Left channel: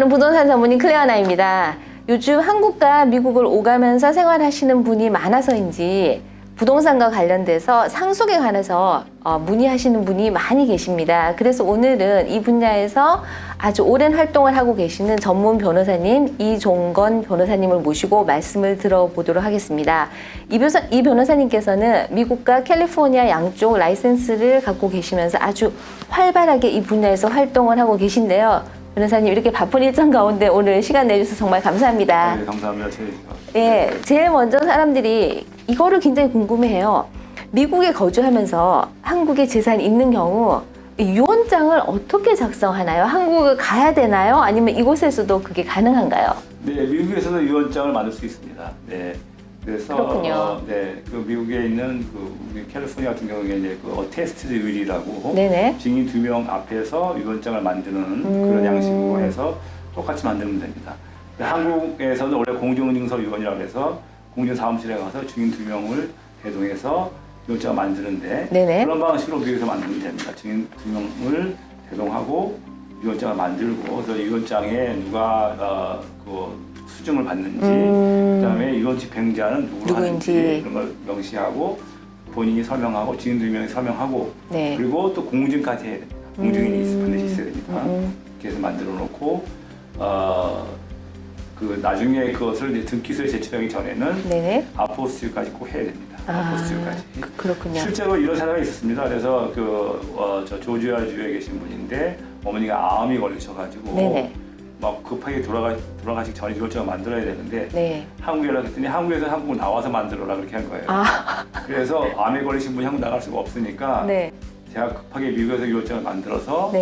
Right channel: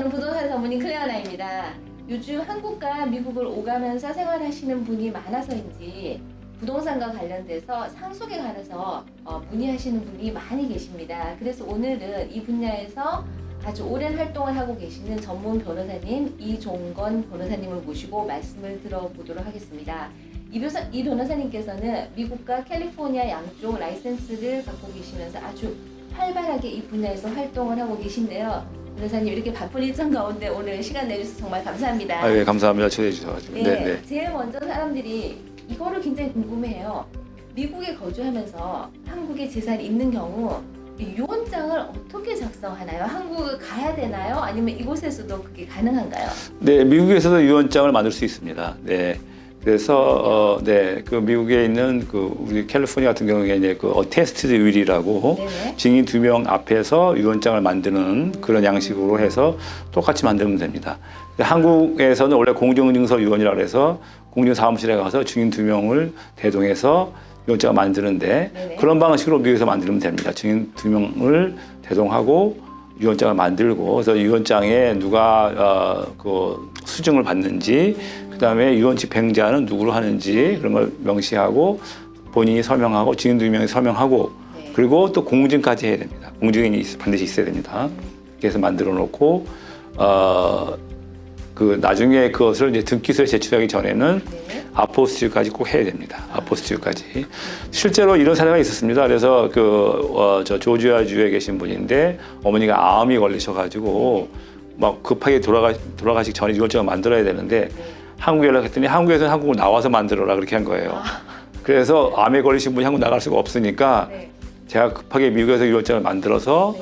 저는 부동산 전문인 클레어나입니다. 요즘 한국과 미국을 오가면서 생활하시는 분이 많아서인지 부동산과 관련돼서 상속에 관해서 문의하시는 분이 많이 계십니다. 그래서 오늘은 이 분야에서 아주 오랜 활동을 하고 계시는 전문 변호사님 이종건 변호사님을 모시고 말씀을 들어보도록 하겠습니다. 이 변호사님께서는 미국과 캘리포니아 양쪽 라이센스를 갖고 계시면서 아주 활발하게 이 분야에서 활동을 하고 계신데요. 변호사님 이렇게 바쁜 일정 가운데 오늘 시간 내주셔서 정말 감사합니다. 네, 감사합니다. 초대해 주셔서. 네, 제일 먼저 사람들이 이거를 굉장히 궁금해해요. 미국에 거주하면서 한국에 재산이 있는 경우 유언장을 어떻게 작성하나요? 한국을 가야 되나요? 아니면 이곳에서도 그게 가능한가요? 네, 미국에서도 유언장을 만들 수 있습니다. 네. 그래서 그 미국에 있는 그 우리 캘리포니아 같은 경우에 이제 그 어테스티드 윌이라고 증인 2명 앞에서 유언장을 만드는 그런 양식으로 해서 똑같이 만들면 됩니다. 한국에서는 원래 공정증서 유언이라고 해서 공증사무실에 가서 증인 2명을 대동해서 유언장을 만드는데 그런 방식으로 미국에서 만들면 됩니다. 증인 2명을 대동하고 유언장을 만들고 그래서 유언장에 누가 그 수증을 받는지 그다음에 유언 집행자는 누구로 하는지 그런 걸 명시하고 본인이 설명하고 증인 2명이 설명하고 그리고 또 공증까지 해야 됩니다. 공증인이 반드시 있어야 됩니다. 그래서 만들어 놓고 그 나중에 그것을 이제 등기소에 제출하기 전에는 아포스틸까지 꼭 해야 됩니다. 아포스틸까지. 실제로 이런 사례가 있었습니다. 그래서 저 조지아주에 계신 분인데 어머니가 암이 걸리셔가지고 막 급하게 돌아가시기 전에 유언장을 만들어야 되는데 한국에 연락했더니 한국에서 한국으로 나와서 만들어라 그렇게 한 거예요. 그래서 암에 걸리신 분이 한국 나갈 수가 없으니까 제가 급하게 미국에서 유언장을 만들어서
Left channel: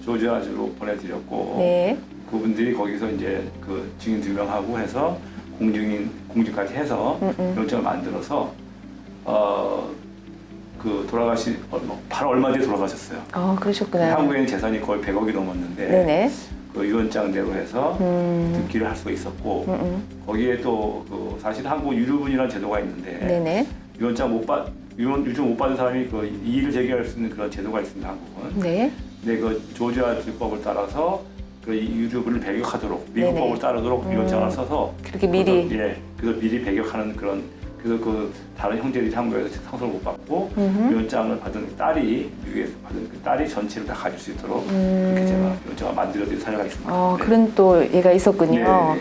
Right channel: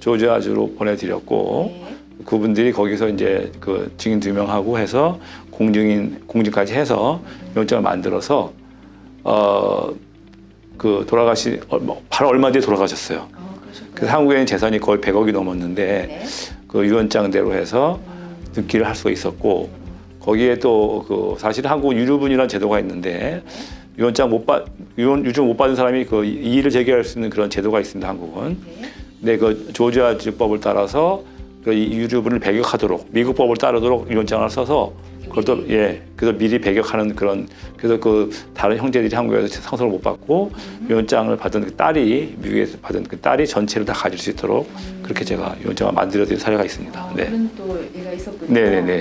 조지아주로 보내드렸고 그분들이 거기서 이제 그 증인 2명하고 해서 공증까지 해서 유언장을 만들어서 그 바로 얼마 뒤에 돌아가셨어요. 그러셨구나. 한국에는 재산이 거의 100억이 넘었는데 그 유언장대로 해서 등기를 할 수가 있었고 거기에 또 그 사실 한국 유류분이라는 제도가 있는데 유언장 유증 못 받은 사람이 그 이의를 제기할 수 있는 그런 제도가 있습니다. 한국은. 근데 그 조지아주법을 따라서 그 유류분을 배격하도록 미국 법을 따르도록 유언장을 써서 그래서 미리 배격하는 그런 그래서 그 다른 형제들이 한국에서 상속을 못 받고 유언장을 받은 그 딸이 미국에서 받은 그 딸이 전체를 다 가질 수 있도록 그렇게 제가 유언장을 만들어드린 사례가 있습니다. 그런 또 얘가 있었군요.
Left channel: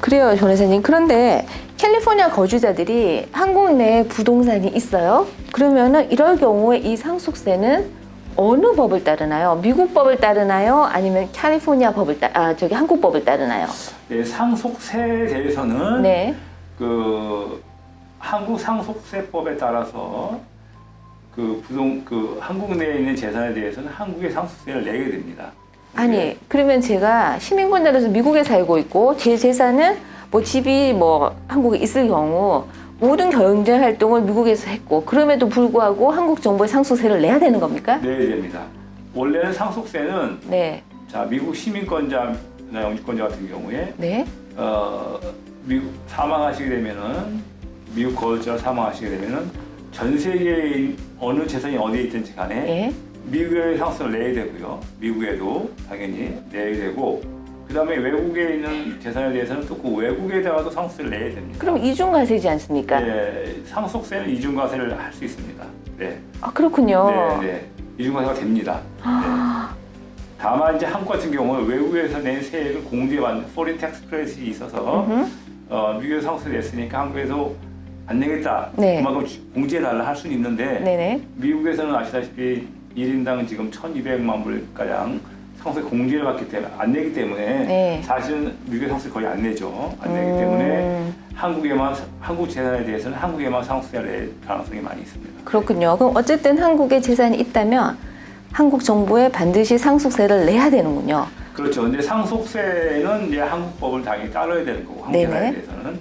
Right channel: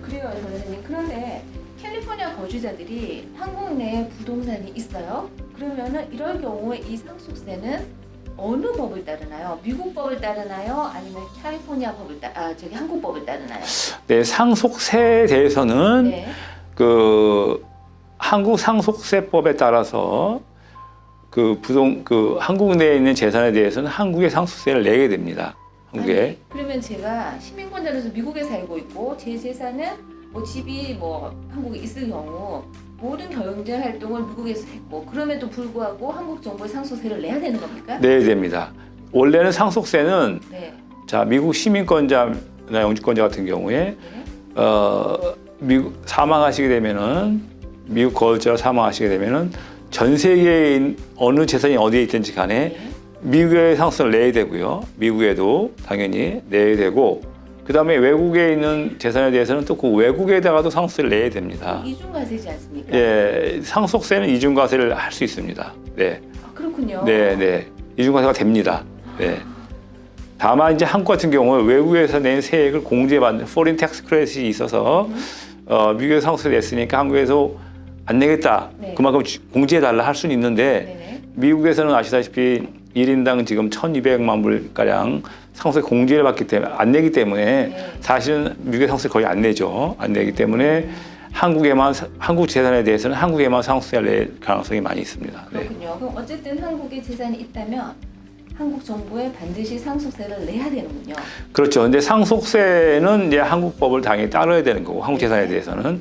그래요, 변호사님. 그런데 캘리포니아 거주자들이 한국 내에 부동산이 있어요. 그러면은 이럴 경우에 이 상속세는 어느 법을 따르나요? 미국 법을 따르나요? 아니면 캘리포니아 법을 한국 법을 따르나요? 네, 상속세에 대해서는 그 한국 상속세법에 따라서 그 한국 내에 있는 재산에 대해서는 한국의 상속세를 내게 됩니다. 그러면 제가 시민권자로서 미국에 살고 있고 제 재산은 뭐 집이 뭐 한국에 있을 경우 모든 경제 활동을 미국에서 했고 그럼에도 불구하고 한국 정부에 상속세를 내야 되는 겁니까? 네, 됩니다. 원래는 상속세는 자 미국 시민권자나 영주권자 같은 경우에 미국 사망하시게 되면은 미국 거주자로 사망하시게 되면은 전 세계에 어느 재산이 어디에 있든지 간에 미국에 상속세를 내야 되고요. 미국에도 당연히 내야 되고. 그다음에 외국에 있는 재산에 대해서는 또 그 외국에다가도 상속세를 내야 됩니다. 그럼 이중과세지 않습니까? 네, 상속세는 이중과세를 할 수 있습니다. 네. 그렇군요. 네. 이중과세가 됩니다. 네. 다만 이제 한국 같은 경우는 외국에서 낸 세액을 공제받는 foreign tax credit이 있어서 미국에서 상속세 냈으니까 한국에서 안 내겠다. 그만큼 공제해달라 할 수는 있는데 미국에서는 아시다시피 1인당 지금 1,200만 불가량 상속세 공제를 받기 때문에 안 내기 때문에 사실은 미국의 상속세 거의 안 내죠. 안 내기 때문에 한국 재산에 대해서는 한국에만 상속세를 낼 가능성이 많이 있습니다. 그렇군요. 그럼 어쨌든 한국에 재산이 있다면 한국 정부에 반드시 상속세를 내야 되는군요. 그렇죠. 근데 상속세는 이제 한국 법을 당연히 따라야 되는 거고 한국 재산에 대해서는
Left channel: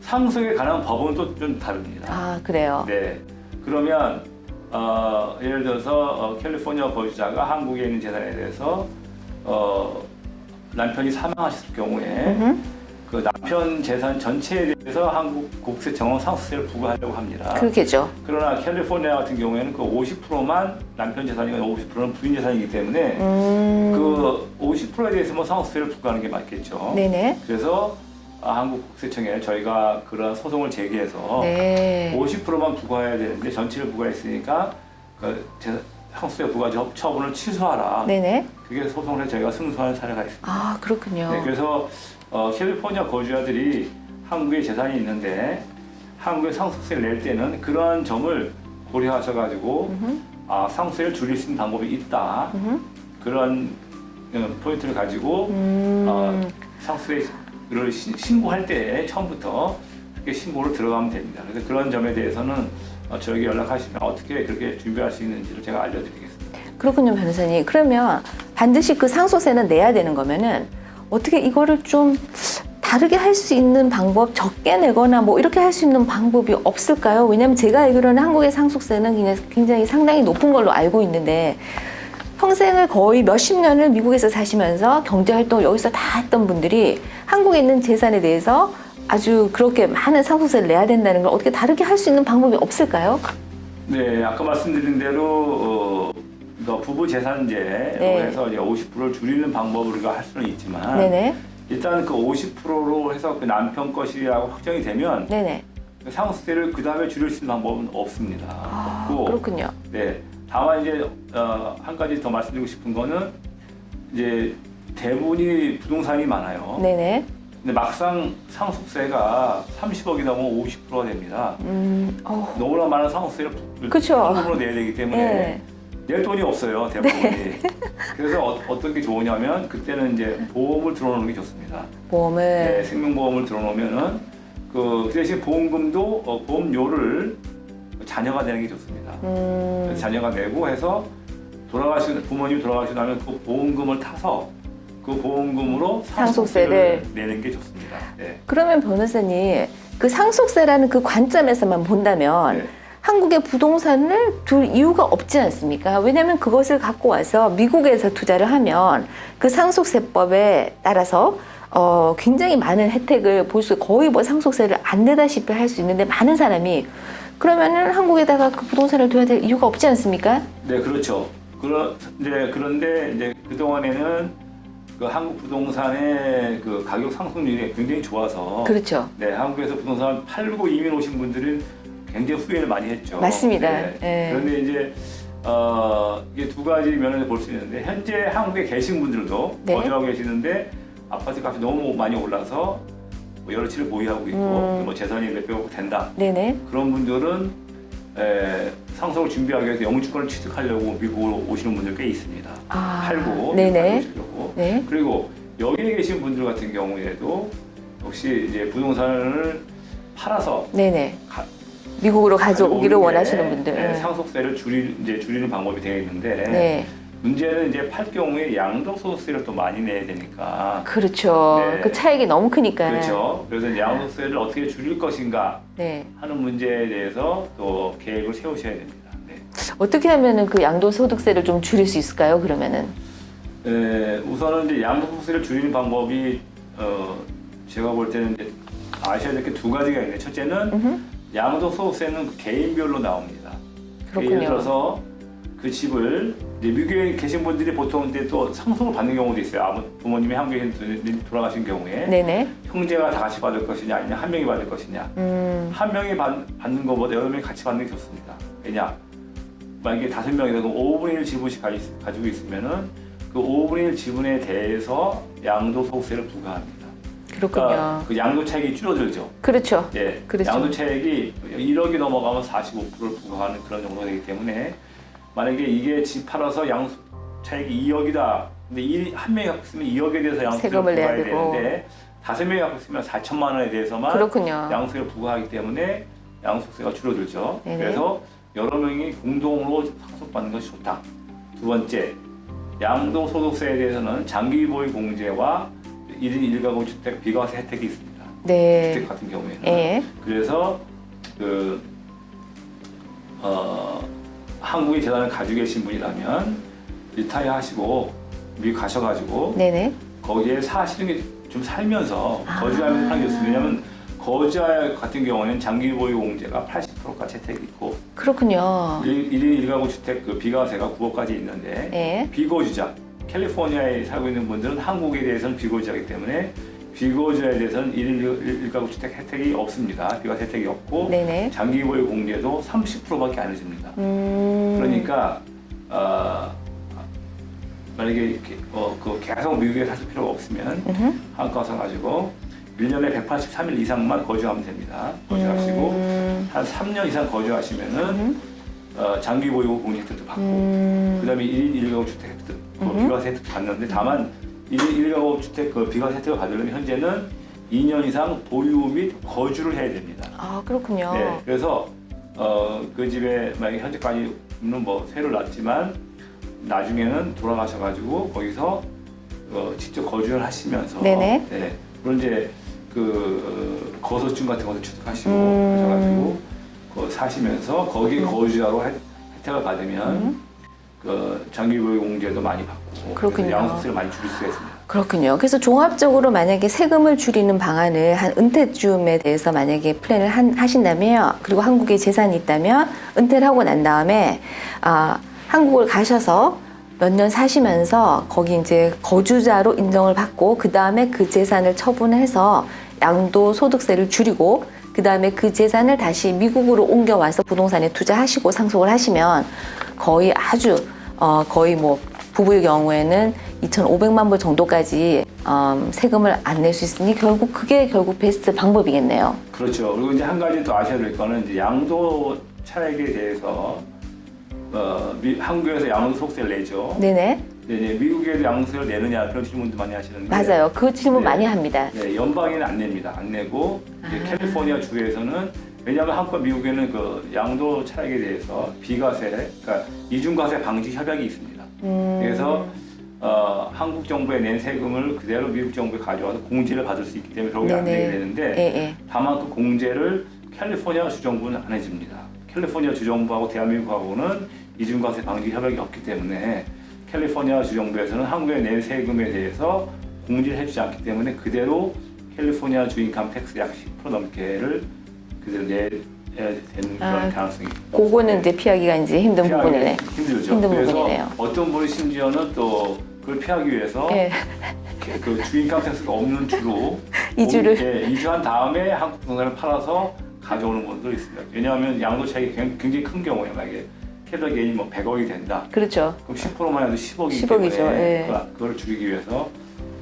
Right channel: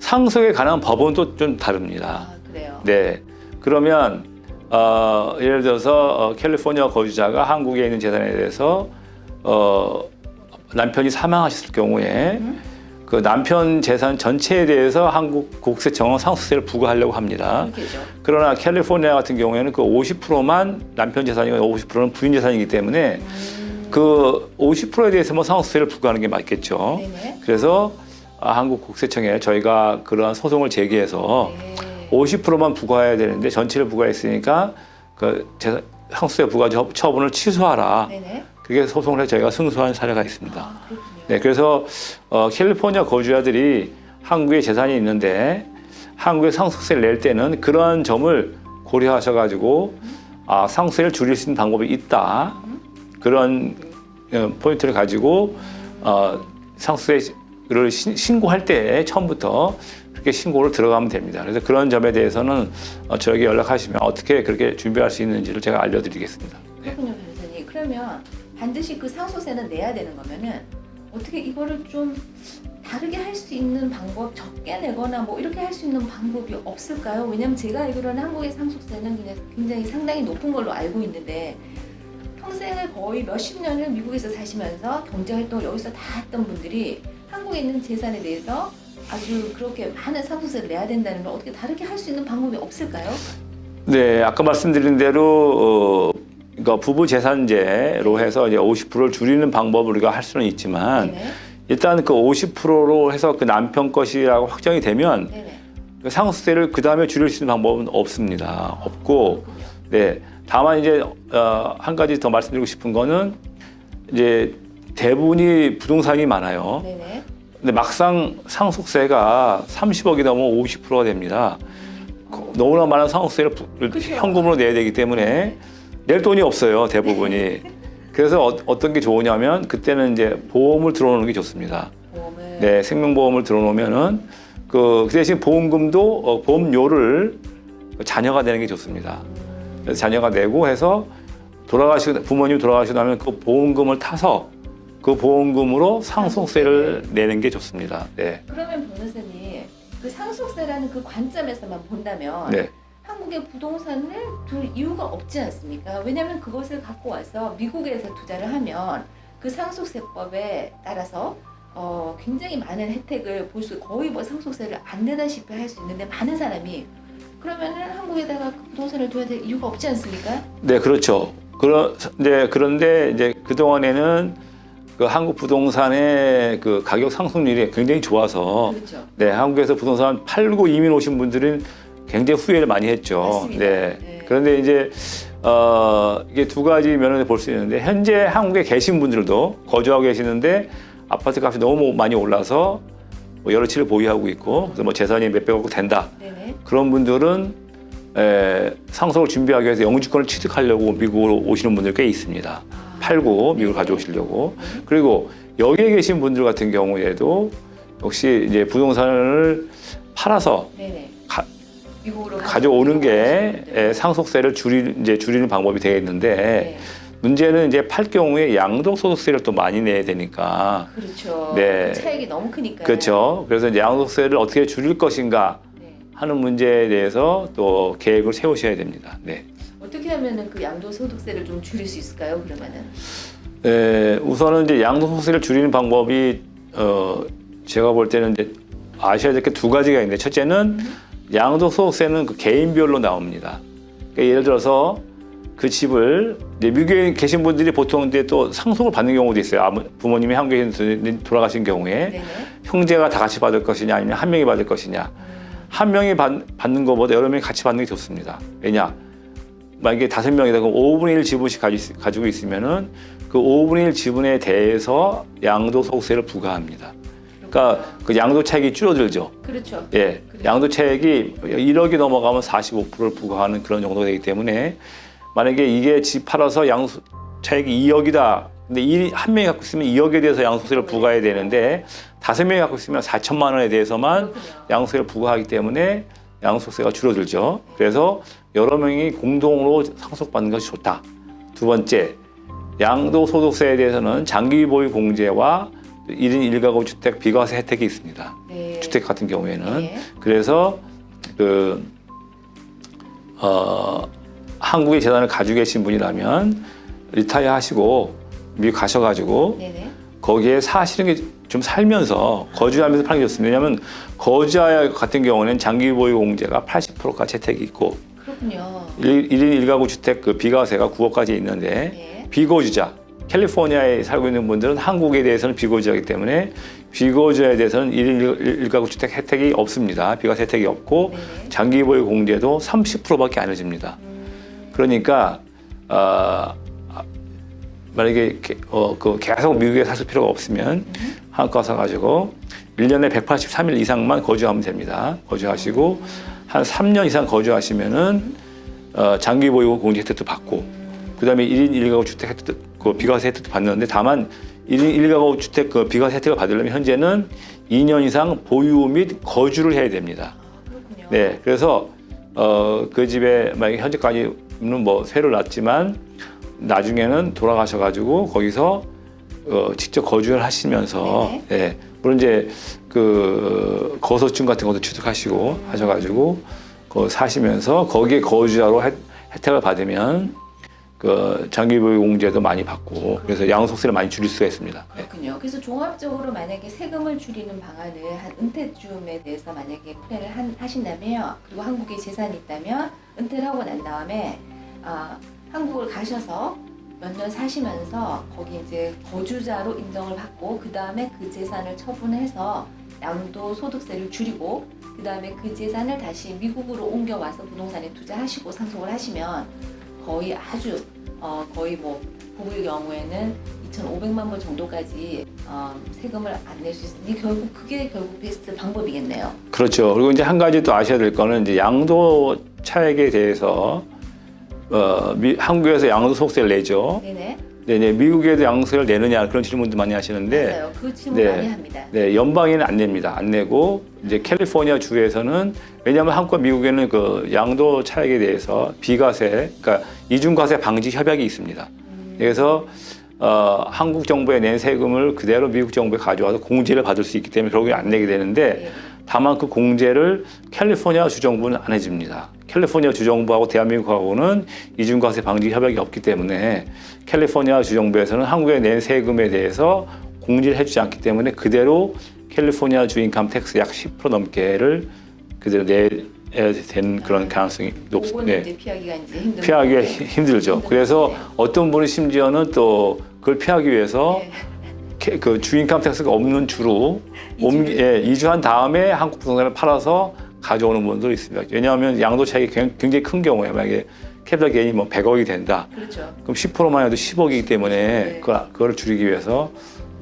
상속에 관한 법은 또 좀 다릅니다. 그래요? 네. 그러면 예를 들어서 캘리포니아 거주자가 한국에 있는 재산에 대해서 남편이 사망하셨을 경우에 그 남편 재산 전체에 대해서 한국 국세 정원 상속세를 부과하려고 합니다. 그렇겠죠. 그러나 캘리포니아 같은 경우에는 그 50%만 남편 재산이고 50%는 부인 재산이기 때문에 그 50%에 대해서만 상속세를 부과하는 게 맞겠죠. 네네. 그래서 한국 국세청에 저희가 그러한 소송을 제기해서 네. 50%만 부과해야 되는데 전체를 부과했으니까 그 상속세 부과 처분을 취소하라. 네네. 그게 소송을 해서 저희가 승소한 사례가 있습니다. 아, 그렇군요. 네, 그래서 캘리포니아 거주자들이 한국에 재산이 있는데 한국에 상속세를 낼 때는 그런 점을 고려하셔가지고 상속세를 줄일 수 있는 방법이 있다. 그런 포인트를 가지고 상속세를 신고할 때 처음부터 그렇게 신고를 들어가면 됩니다. 그래서 그런 점에 대해서는 저에게 연락하시면 어떻게 그렇게 준비할 수 있는지를 제가 알려드리겠습니다. 그렇군요, 변호사님. 그러면 반드시 그 상속세는 내야 되는 거면은 어떻게 이거를 좀 다르게 할 수 있는 방법, 적게 내거나 뭐 이렇게 할 수 있는 방법이 없을까요? 왜냐하면 제가 알기로는 한국의 상속세는 그냥 굉장히 상당히 높은 걸로 알고 있는데 평생을 거의 몇십 년을 미국에서 사시면서 경제활동을 여기서 다 했던 분들이 한국에 있는 재산에 대해서 아주 그렇게 많은 상속세를 내야 된다는 걸 어떻게 다르게 할 수 있는 방법이 없을까요? 네, 아까 말씀드린 대로 그러니까 부부 재산제로 네. 해서 이제 50%를 줄이는 방법을 우리가 할 수는 있지만 네네. 일단 그 50%로 해서 그 남편 것이라고 확정이 되면 네네. 그 상속세를 그 다음에 줄일 수 있는 방법은 없습니다. 없고, 그렇군요. 네, 다만 이제 한 가지 더 말씀드리고 싶은 거는 이제 대부분이 부동산이 많아요. 네네. 근데 막상 상속세가 30억이 넘으면 50%가 됩니다. 너무나 많은 상속세를 그쵸. 현금으로 내야 되기 때문에 네. 낼 돈이 없어요, 대부분이. 그래서 어떤 게 좋으냐면 그때는 이제 보험을 들어놓는 게 좋습니다. 보험을. 네, 생명보험을 들어놓으면은 그 대신 보험금도 보험료를 자녀가 내는 게 좋습니다. 그래서 자녀가 내고 해서 부모님 돌아가시고 나면 그 보험금을 타서 그 보험금으로 상속세를 내는 게 좋습니다. 네. 그러면 변호사님, 그 상속세라는 그 관점에서만 본다면 네. 한국의 부동산을 둘 이유가 없지 않습니까? 왜냐하면 그것을 갖고 와서 미국에서 투자를 하면 그 상속세법에 따라서 굉장히 많은 혜택을 볼 수, 거의 뭐 상속세를 안 내다시피 할 수 있는데 많은 사람이 그러면은 한국에다가 그 부동산을 둬야 될 이유가 없지 않습니까? 네, 그렇죠. 그런데 이제 그동안에는 그 한국 부동산의 그 가격 상승률이 굉장히 좋아서 그렇죠. 네, 한국에서 부동산 팔고 이민 오신 분들은 굉장히 후회를 많이 했죠. 맞습니다. 네. 네. 그런데 이제 이게 두 가지 면을 볼 수 있는데 현재 한국에 계신 분들도 네. 거주하고 계시는데 아파트 값이 너무 많이 올라서 뭐 여러 채를 보유하고 있고 또 뭐 재산이 몇백억 된다. 네네. 그런 분들은 상속을 준비하기 위해서 영주권을 취득하려고 미국으로 오시는 분들 꽤 있습니다. 팔고 미국 네네. 가져오시려고. 네. 그리고 여기에 계신 분들 같은 경우에도 역시 이제 부동산을 팔아서 네네. 미국으로 가져오기를 가져오는 원하시는 분들. 게 상속세를 줄이는 방법이 되겠는데 네. 문제는 이제 팔 경우에 양도소득세를 또 많이 내야 되니까. 그렇죠. 네. 그 차익이 너무 크니까. 그렇죠. 그래서 이제 양도세를 어떻게 줄일 것인가 네. 하는 문제에 대해서 또 계획을 세우셔야 됩니다. 네. 어떻게 하면은 그 양도소득세를 좀 줄일 수 있을까요? 그러면은. 우선은 이제 양도소득세를 줄이는 방법이 제가 볼 때는 이제 아셔야 될 게 두 가지가 있는데 첫째는 양도소득세는 그 개인별로 나옵니다. 그러니까 예를 들어서 그 집을 이제 미국에 계신 분들이 보통 이제 또 상속을 받는 경우도 있어요. 부모님이 한국에 돌아가신 경우에 네네. 형제가 다 같이 받을 것이냐 아니면 한 명이 받을 것이냐. 한 명이 받는 것보다 여러 명이 같이 받는 게 좋습니다. 왜냐? 만약에 5명이다 그럼 5분의 1 지분씩 가지고 있으면은 그 5분의 1 지분에 대해서 양도소득세를 부과합니다. 그렇군요. 그러니까 그 양도 차익이 줄어들죠. 그렇죠. 예, 그렇죠. 양도 차익이 1억이 넘어가면 45%를 부과하는 그런 정도가 되기 때문에 만약에 이게 집 팔아서 양도 차익이 2억이다. 근데 한 명이 갖고 있으면 2억에 대해서 양도세를 부과해야 되는데 5명이 갖고 있으면 4천만 원에 대해서만 그렇군요. 양도세를 부과하기 때문에 양도세가 줄어들죠. 네네. 그래서 여러 명이 공동으로 상속받는 것이 좋다. 두 번째, 양도소득세에 대해서는 장기 보유 공제와 1인 1가구 주택 비과세 혜택이 있습니다. 네. 주택 같은 경우에는. 예. 그래서 한국에 재산을 가지고 계신 분이라면 리타이어 하시고 미국 가셔가지고 네네. 거기에 사시는 게 좀 살면서 거주하면서 파는 게 좋습니다. 왜냐하면 거주자 같은 경우는 장기 보유 공제가 80%까지 혜택이 있고 그렇군요. 1인 1가구 주택 그 비과세가 9억까지 있는데 네. 비거주자 캘리포니아에 살고 있는 분들은 한국에 대해서는 비거주자이기 때문에 비거주자에 대해서는 1인 1가구 주택 혜택이 없습니다. 비과세 혜택이 없고 네네. 장기 보유 공제도 30%밖에 안 해줍니다. 그러니까 만약에 그 계속 미국에 사실 필요가 없으면 한국 가서 가지고 1년에 183일 이상만 거주하면 됩니다. 거주하시고 한 3년 이상 거주하시면은 장기 보유 공제 혜택도 받고 그다음에 1인 1가구 주택 혜택도 그 비과세 혜택도 받는데 다만 1인 1가구 주택 그 비과세 혜택을 받으려면 현재는 2년 이상 보유 및 거주를 해야 됩니다. 아, 그렇군요. 네, 그래서 그 집에 만약에 현재까지는 뭐 세를 놨지만 나중에는 돌아가셔가지고 거기서 직접 거주를 하시면서 네네. 네, 물론 이제 그 거소증 같은 것도 취득하시고 하셔가지고 거 사시면서 거기에 거주자로 혜택을 받으면 그 장기 보유 공제도 많이 받고 그렇군요. 그래서 양도소득세를 많이 줄일 수가 있습니다. 그렇군요. 그래서 종합적으로 만약에 세금을 줄이는 방안을 한 은퇴쯤에 대해서 만약에 플랜을 하신다면 그리고 한국에 재산이 있다면 은퇴를 하고 난 다음에 한국을 가셔서 몇 년 사시면서 거기 이제 거주자로 인정을 받고 그 다음에 그 재산을 처분해서 양도소득세를 줄이고 그 다음에 그 재산을 다시 미국으로 옮겨와서 부동산에 투자하시고 상속을 하시면 거의 아주 거의 뭐 부부의 경우에는 2,500만 불 정도까지 세금을 안 낼 수 있으니 그게 결국 베스트 방법이겠네요. 그렇죠. 그리고 이제 한 가지 또 아셔야 될 거는 이제 양도 차액에 대해서 한국에서 양도소득세를 내죠. 네네. 네, 미국에도 양도세를 내느냐 그런 질문도 많이 하시는데 맞아요. 그 질문 많이 합니다. 네, 연방에는 안 냅니다. 안 내고 이제 캘리포니아 주에서는 왜냐하면 한국과 미국에는 그 양도 차익에 대해서 비과세, 그러니까 이중과세 방지 협약이 있습니다. 그래서 한국 정부에 낸 세금을 그대로 미국 정부에 가져와서 공제를 받을 수 있기 때문에 결국에 안 내게 되는데 네네. 다만 그 공제를 캘리포니아 주정부는 안 해줍니다. 캘리포니아 주정부하고 대한민국하고는 이중과세 방지 협약이 없기 때문에 캘리포니아 주정부에서는 한국에 낸 세금에 대해서 공제를 해주지 않기 때문에 그대로 캘리포니아 주 인컴 텍스 약 10% 넘게를 그대로 내야 되는 그런 가능성이 높습니다. 그거는 이제 피하기가 이제 힘든 피하기 부분이네. 힘들죠. 힘든 그래서 부분이네요. 어떤 분이 심지어는 또 그걸 피하기 위해서 네. 그 주인감 텍스가 없는 주로 이주를? 이주한 다음에 한국 부동산을 팔아서 가져오는 분도 있습니다. 왜냐하면 양도 차익이 굉장히 큰 경우에 만약에 캐피탈 게인이 뭐 100억이 된다. 그렇죠. 그럼 10%만 해도 10억이기 10억이죠. 때문에 네. 그걸 줄이기 위해서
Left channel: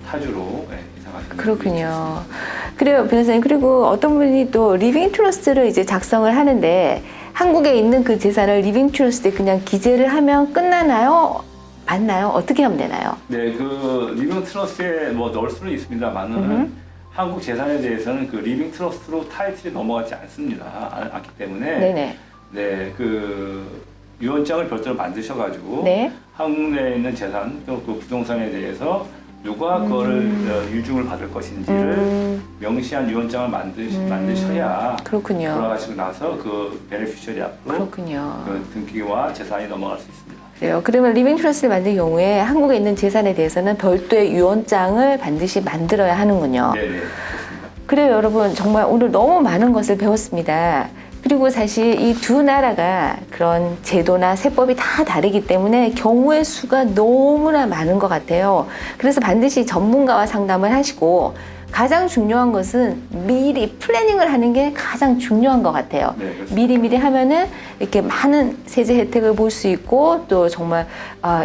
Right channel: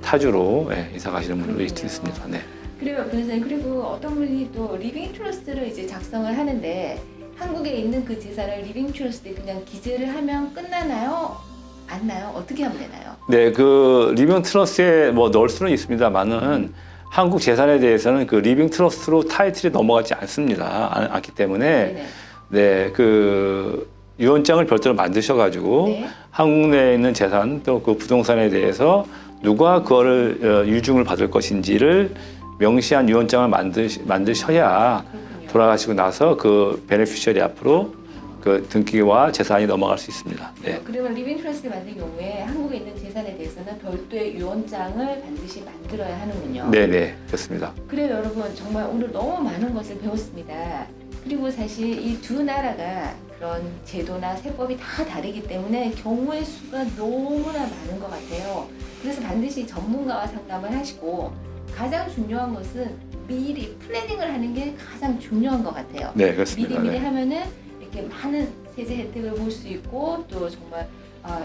타주로 이사 가시는 분들이 그렇군요. 있습니다. 네. 그래요, 변호사님. 그리고 어떤 분이 또 리빙 트러스트를 이제 작성을 하는데 한국에 있는 그 재산을 리빙 트러스트에 그냥 기재를 하면 끝나나요? 맞나요? 어떻게 하면 되나요? 네, 그 리빙 트러스트에 뭐 넣을 수는 있습니다만은 한국 재산에 대해서는 그 리빙 트러스트로 타이틀이 넘어가지 않기 때문에 네네. 네, 그 유언장을 별도로 만드셔가지고 네. 한국 내에 있는 재산 또 그 부동산에 대해서 누가 그거를 유증을 받을 것인지를 명시한 유언장을 만드셔야 그렇군요. 돌아가시고 나서 그 베네피셔리 앞으로 그렇군요. 그 등기와 재산이 넘어갈 수 있습니다. 그래요. 그러면 리빙 트러스트를 만들 경우에 한국에 있는 재산에 대해서는 별도의 유언장을 반드시 만들어야 하는군요. 네, 그렇습니다. 그래요, 여러분. 정말 오늘 너무 많은 것을 배웠습니다. 그리고 사실 이 두 나라가 그런 제도나 세법이 다 다르기 때문에 경우의 수가 너무나 많은 것 같아요. 그래서 반드시 전문가와 상담을 하시고 가장 중요한 것은 미리 플래닝을 하는 게 가장 중요한 것 같아요. 네, 그렇습니다. 미리 하면은 이렇게 많은 세제 혜택을 볼 수 있고 또 정말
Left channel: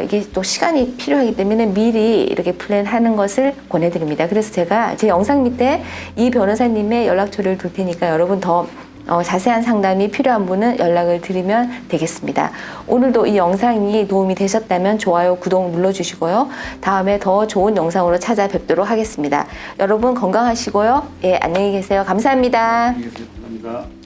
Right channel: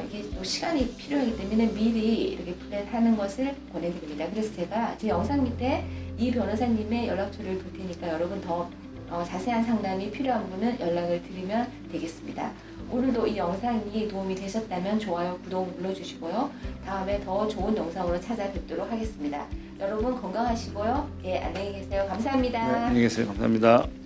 이게 또 시간이 필요하기 때문에 미리 이렇게 플랜하는 것을 권해드립니다. 그래서 제가 제 영상 밑에 이 변호사님의 연락처를 둘 테니까 여러분 더 자세한 상담이 필요한 분은 연락을 드리면 되겠습니다. 오늘도 이 영상이 도움이 되셨다면 좋아요, 구독 눌러주시고요. 다음에 더 좋은 영상으로 찾아뵙도록 하겠습니다. 여러분 건강하시고요. 예, 안녕히 계세요. 감사합니다. 안녕히 계세요. 감사합니다.